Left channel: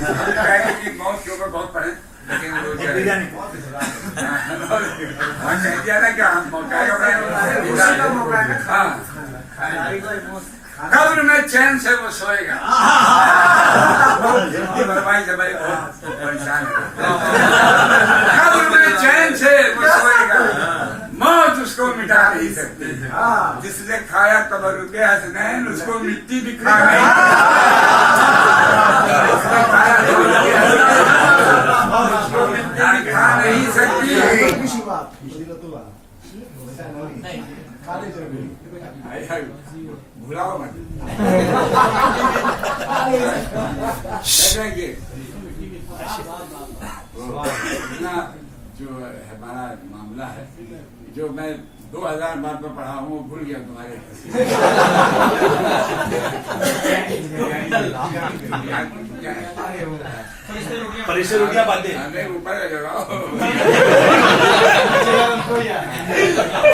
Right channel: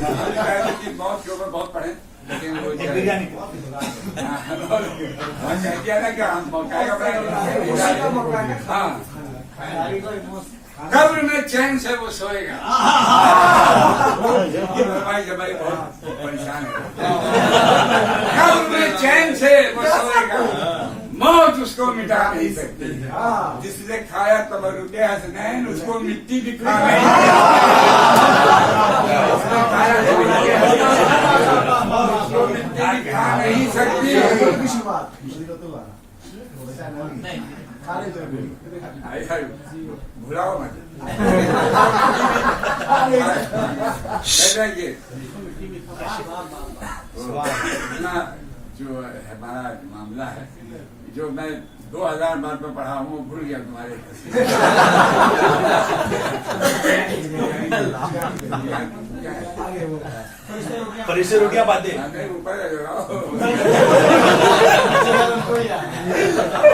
पहले की मौत के ऊपर बहुत पढ़े, लेकिन वो कह दिया ना कि हम मौका कब्र में चैन से वो सोएगा। भाई जब परेशान है, कब्र में चैन से वो सोएगा, मौत उसको मिटा नहीं सकती। जिसने खाया कब्र रुपया हसनैन, उसको मिट्टी भी खा नहीं खा नहीं सकती। भुलाओ मत। जो हमारा मामला है, जो मैं 2000 बार में पढ़ा हूँ, भूल गया तुम्हारे। परिसर हो गया बातें ऊपर लगाओ।